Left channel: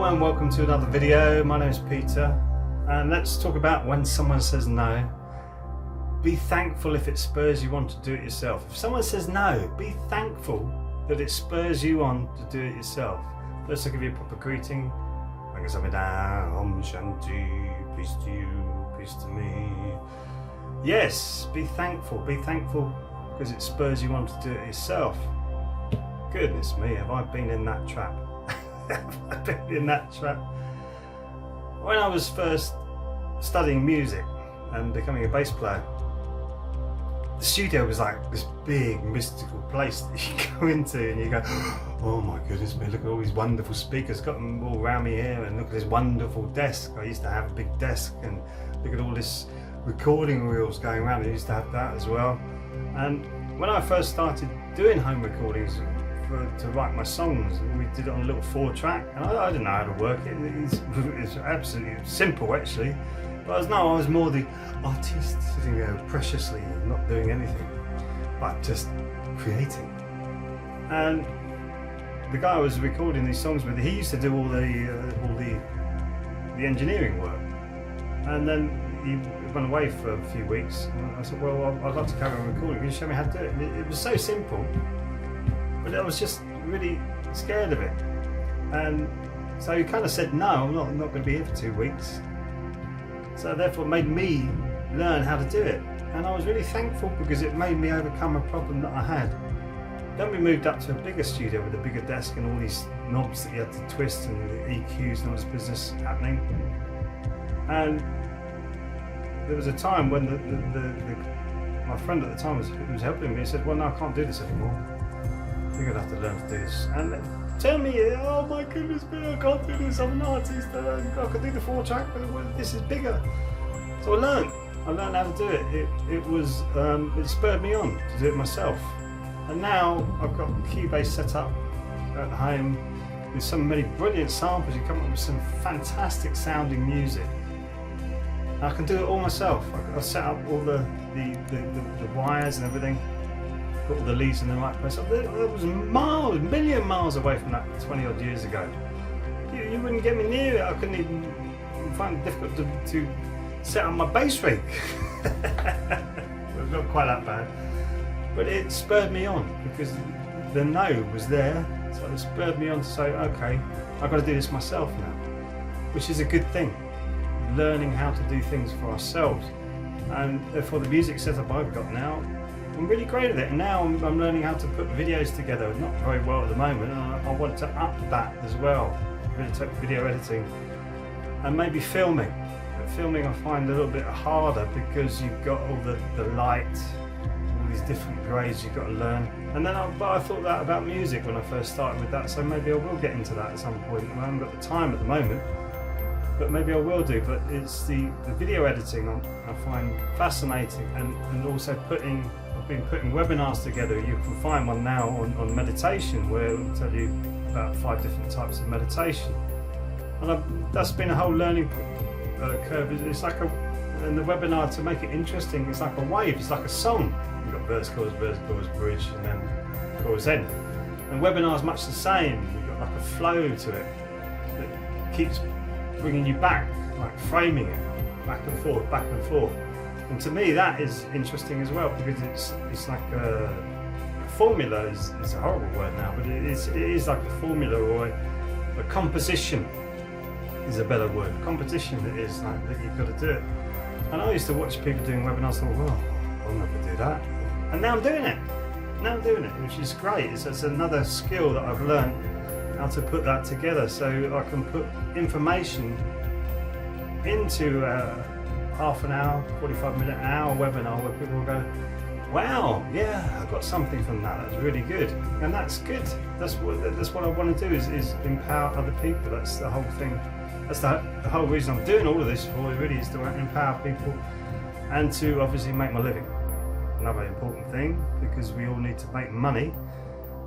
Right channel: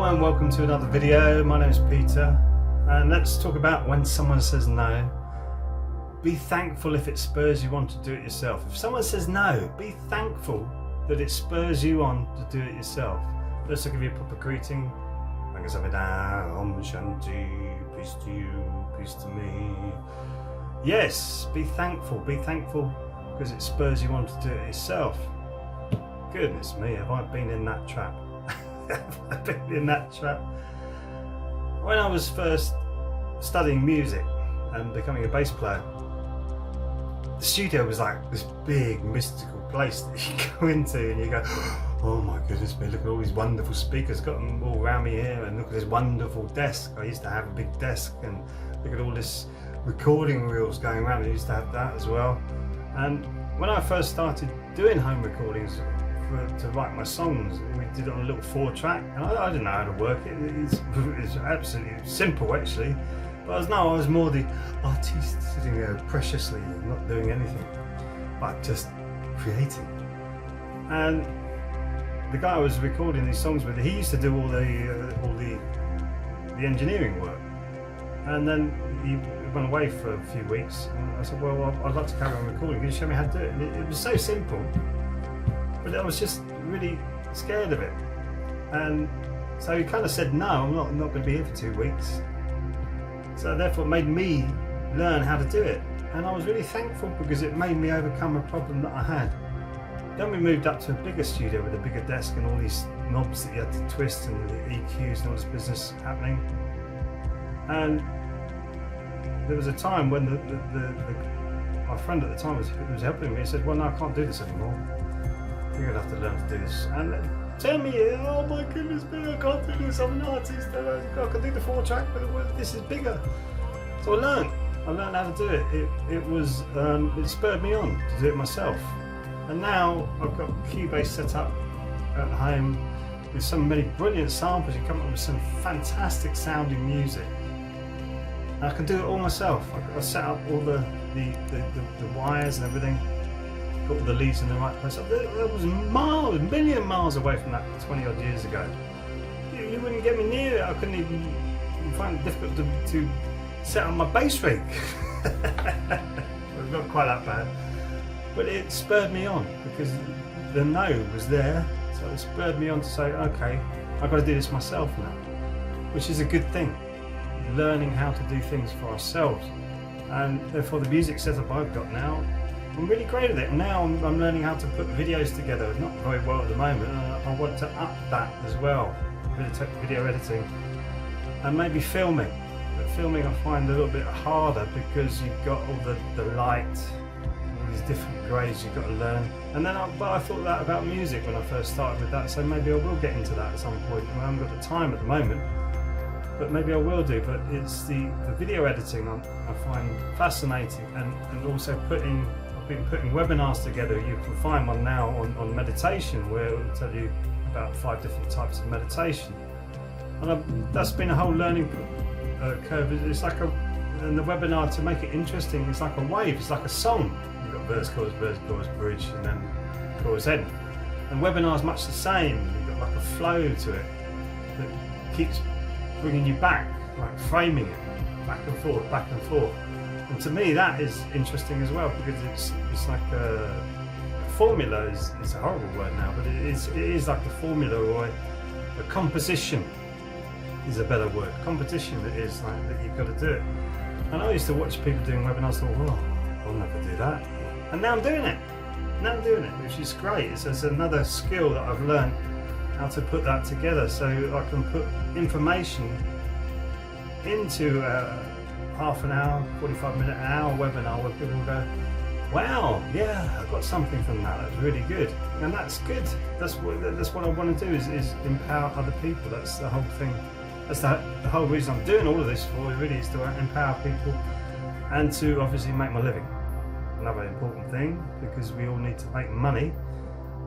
Hello and welcome to another video. My name is Peter and let's talk about when someone says no. Be thankful if it spurs you on to do it yourself. If someone says no, be thankful that it spurs you on to do it yourself. First I'll give you a proper greeting. Om Shanti, peace to you, peace to me. Yes, be thankful because it spurs you on to do it yourself. Goodness me, have I been in that trap? I've been in that trap. When I was first studying music and becoming a bass player, the studio was like this big mystical place that you go into and you go, oh my goodness me, look at all these wonderful speakers, got them all around me here, and look at this wonderful desk. I used to have a big desk, and look at all this recording reels going around. I used to have that as well. And when I first started doing home recordings to write my songs, we did it on a little 4-track, and I didn't know how to work it. It's absolutely simple actually, but I was more the artist sitting there preciously and not doing anything, but just creating. And the guy I was recording these songs with, he used to do all the engineering work, and then he went away for a few weeks, and I said, well, I'd like to carry on recording. Can you show me how to do it? And it was so simple, but I was just really scared of it. And so he kind of said, no, I'm not going to be here for 2 weeks. So therefore it made me learn how to do it. And I was really thankful because it made me overcome a problem that I had. Then we moved up to a bigger studio with a bigger desk and all these knobs that you had to twist and the EQs and all this business happening. And there was a time when my friend at the time who was helping me, he said, well, no, I can't do this anymore. You're going to have to learn to do this. And tell me, oh my goodness, I can't do this, I'm an artist, I can do the 4-track, but this is bigger. So I learned how to do it. It spurred me on to do it myself. And now I've got Cubase set up at home with so many brilliant samples. You come up with some fantastic sounding music. And I can do it all myself. I set up all the wires and everything. Put all the leads in the right place. That was a million miles away from that 20 odd years ago. You wouldn't get me near it. I couldn't even find it difficult to set up my bass rig. It's not quite that bad, but it spurred me on because the no was there, so it spurred me on to say, okay, I've got to do this myself now, which is a good thing. Learning how to do things for ourselves, and therefore the music setup I've got now, I'm really great at it. And now I'm learning how to put videos together. Not very well at the moment. I want to up that as well. Video editing and maybe filming. But filming I find a little bit harder because you've got all the light, all these different grades you've got to learn. And then I thought that about music when I first started with that. So maybe I will get into that at some point. I haven't got the time at the moment, but maybe I will do. But it's the video editing I find fascinating, and also I've been putting webinars together. You can find one now on meditation where it will tell you about 5 different types of meditation, and that's been a whole learning curve. It's like and the webinar, to make it interesting, it's like a wave, it's like a song. You've got verse, chorus, bridge, and then chorus end. And webinar's much the same. You've got like a flow to it that keeps bringing you back, like framing it back and forth, back and forth. And to me that is interesting as well, because it's like a formula is a horrible word now, but it is like a formula, or a composition is a better word. Competition, it is like that you've got to do it. And I used to watch people doing webinars, thought, well, I'll never do that. And now I'm doing it. Which is great. It's another skill that I've learned, how to put that together, so I can put information into half an hour, 45-minute, an hour webinar where people will go, wow, yeah, I got something from that. That's really good, and that's good. That's what I want to do is empower other people. That's the whole thing. That's the whole reason I'm doing all of this for. Really, is to empower people and to obviously make my living. Another important thing, because we all need to make money.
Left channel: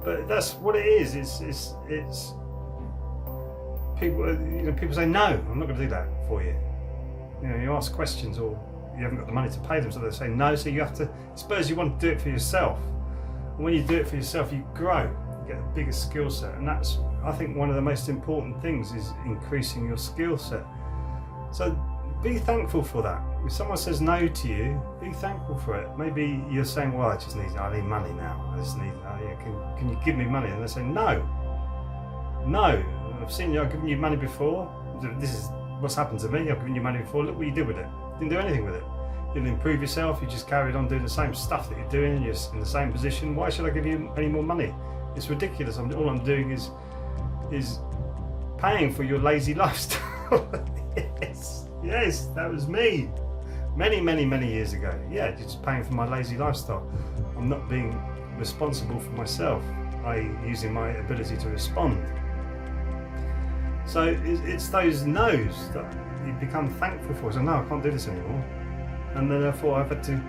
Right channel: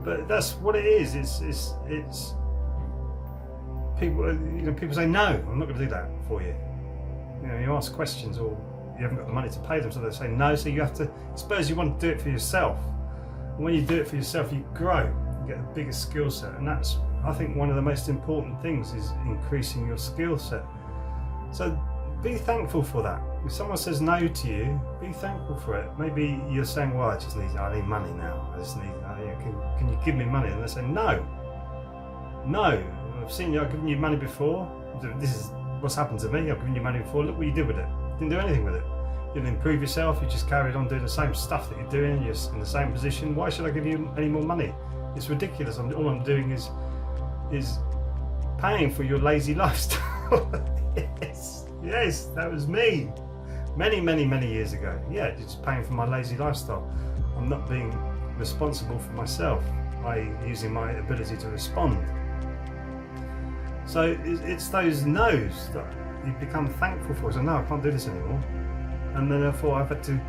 But that's what it is. It's people. People say no, I'm not going to do that for you. You ask questions, or you haven't got the money to pay them, so they say no. So you have to. I suppose you want to do it for yourself. And when you do it for yourself, you grow. You get a bigger skill set, and that's I think one of the most important things is increasing your skill set. So be thankful for that. If someone says no to you, be thankful for it. Maybe you're saying, well, I need money now. I just need, can you give me money? And they say, no. I've seen you, I've given you money before. This is what's happened to me. I've given you money before. Look what you did with it. Didn't do anything with it. You didn't improve yourself. You just carried on doing the same stuff that you're doing. You're in the same position. Why should I give you any more money? It's ridiculous. All I'm doing is paying for your lazy lifestyle. Yes, that was me. Many years ago. Yeah, you're just paying for my lazy lifestyle. I'm not being responsible for myself by using my ability to respond. So it's those no's that you become thankful for. So no, I can't do this anymore. And then therefore I've had to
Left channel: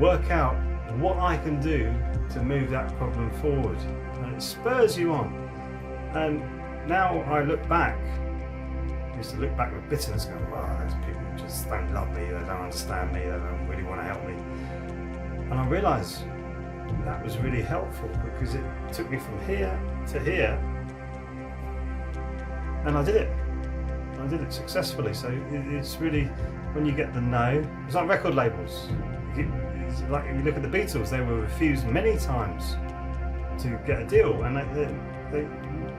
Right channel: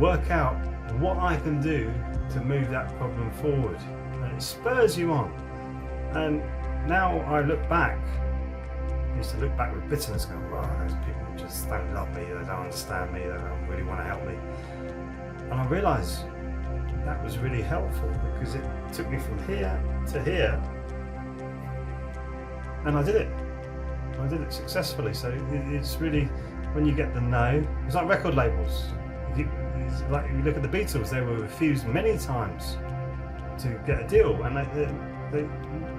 work out what I can do to move that problem forward. And it spurs you on. And now I look back, I used to look back with bitterness going, wow, those people just don't love me, they don't understand me, they don't really want to help me. And I realised that was really helpful because it took me from here to here, and I did it. I did it successfully. So it's really, when you get the no, it's like record labels. It's like if you look at the Beatles, they were refused many times to get a deal, and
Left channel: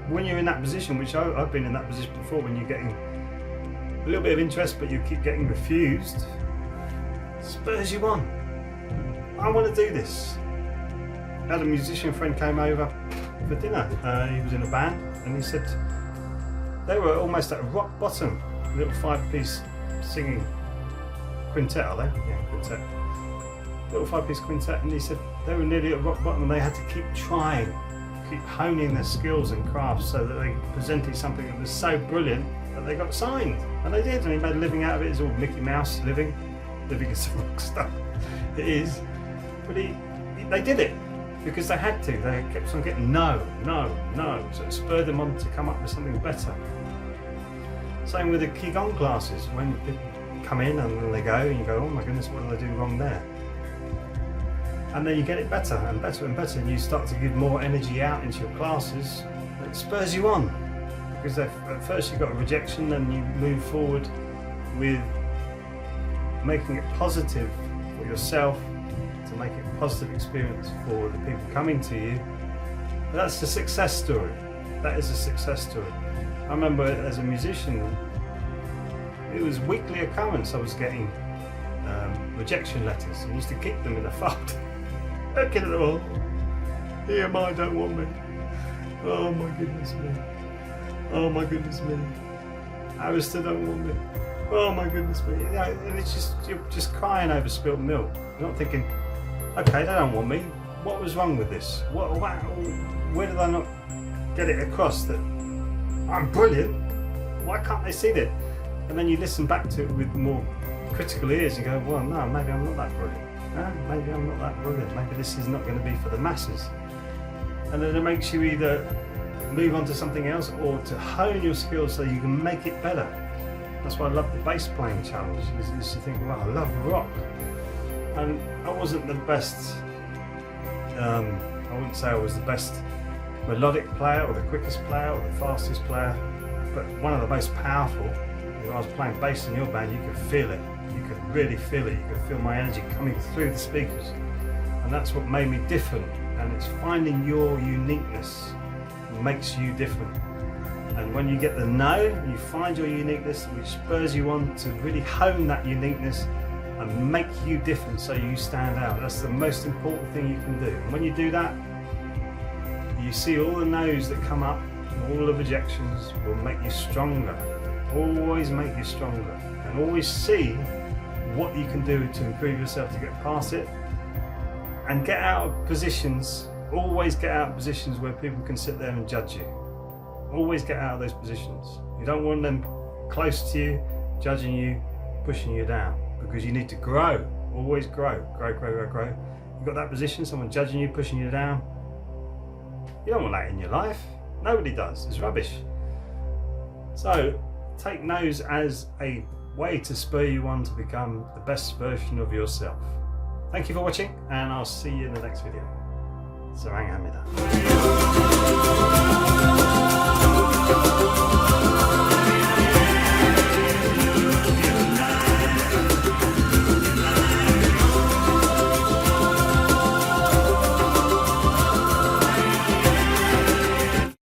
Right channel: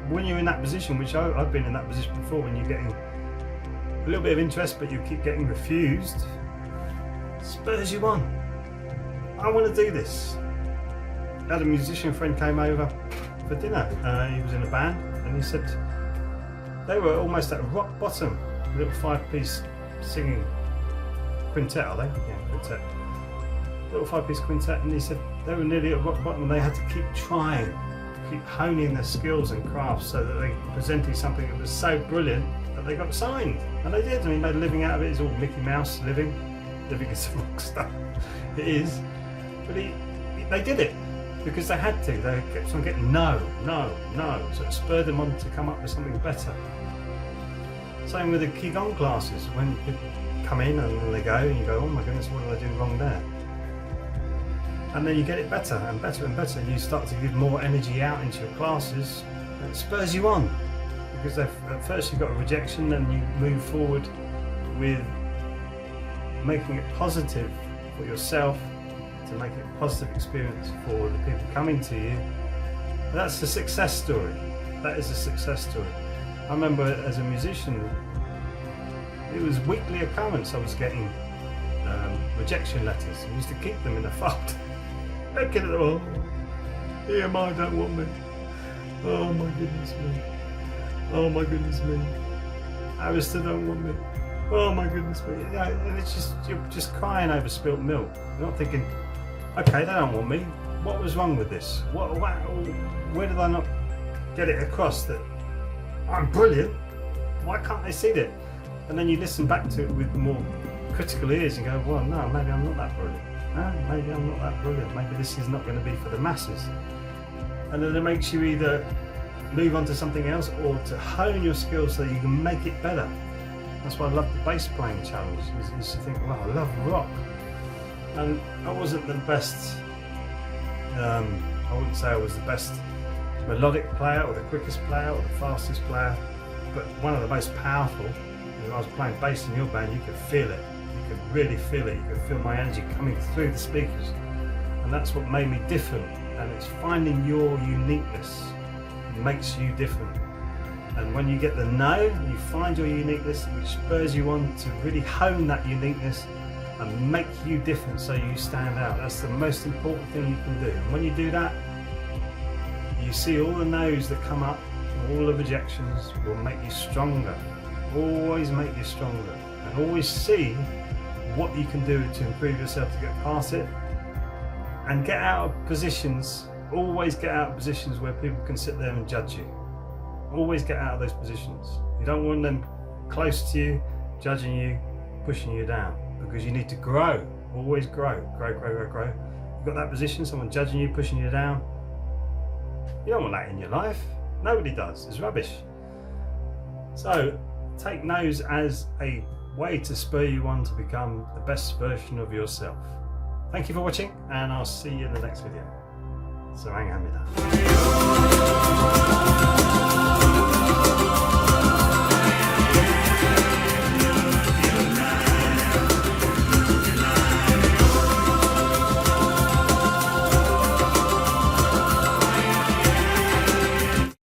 when you're in that position, which I've been in that position before, when you're getting a little bit of interest but you keep getting refused, spurs you on. I want to do this. I had a musician friend came over for dinner. He was in a band, and he said they were almost at rock bottom. A little 5-piece singing quintet, are they? Yeah, quintet. Little 5-piece quintet, and he said they were nearly at rock bottom and they had to keep trying, keep honing their skills and crafts so that they presented something that was so brilliant that they got signed. And they did, and he made a living out of it. It's all Mickey Mouse living as a rock star. It is. But they did it because they had to. They kept on getting no. So it spurred them on to come up with something better. Same with the Qigong classes. When people come in and then they go, and you go, oh my goodness, what did I do wrong there? And then you get it better and better and better, and you start to give more energy out into your classes, and it spurs you on. Because at first you got a rejection, then you move forward with making it positive for yourself, to make it a positive experience for the people coming to you. That's a success story. That is a success story. I remember as a musician, it was weekly occurrence I was getting rejection letters. I used to keep them in a folder. Looking at them all. EMI don't want me. Oh my goodness me. Oh my goodness me. Arista don't want me. Oh my goodness me. You know, and it's just, you're just crying over spilt milk. You're not thinking, okay, they don't want me. What was wrong with this? Where did I not get it across that I'm brilliant? Why can't they see that? And then you listen back to it with more critical ears and go, well, no, maybe I'm not that brilliant. No, maybe I'm not that brilliant. Maybe this is not going to be for the masses. And then it makes you either move on to something else or to hone your skills so you can make it better. That's why I love the bass playing challenge. I used to think, wow, I love rock. And I wasn't the best, I wouldn't say I was the best melodic player or the quickest player or the fastest player, but one of the most powerful. When I was playing bass in your band, you could feel it. You could really feel it. You could feel my energy coming through the speakers. And that's what made me different. And it's finding your uniqueness makes you different. And when you get the no, you find your uniqueness, which spurs you on to really hone that uniqueness and make you different so you stand out. That's the most important thing you can do. And when you do that, you see all the no's that come up, all the rejections will make you stronger. Always make you stronger. And always see what you can do to improve yourself to get past it. And get out of positions, always get out of positions where people can sit there and judge you. Always get out of those positions. You don't want them close to you, judging you, pushing you down, because you need to grow. Always grow. You've got that position, someone judging you, pushing you down. You don't want that in your life. Nobody does. It's rubbish. So take no's as a way to spur you on to become the best version of yourself. Thank you for watching, and I'll see you in the next video. Sarang Hamida.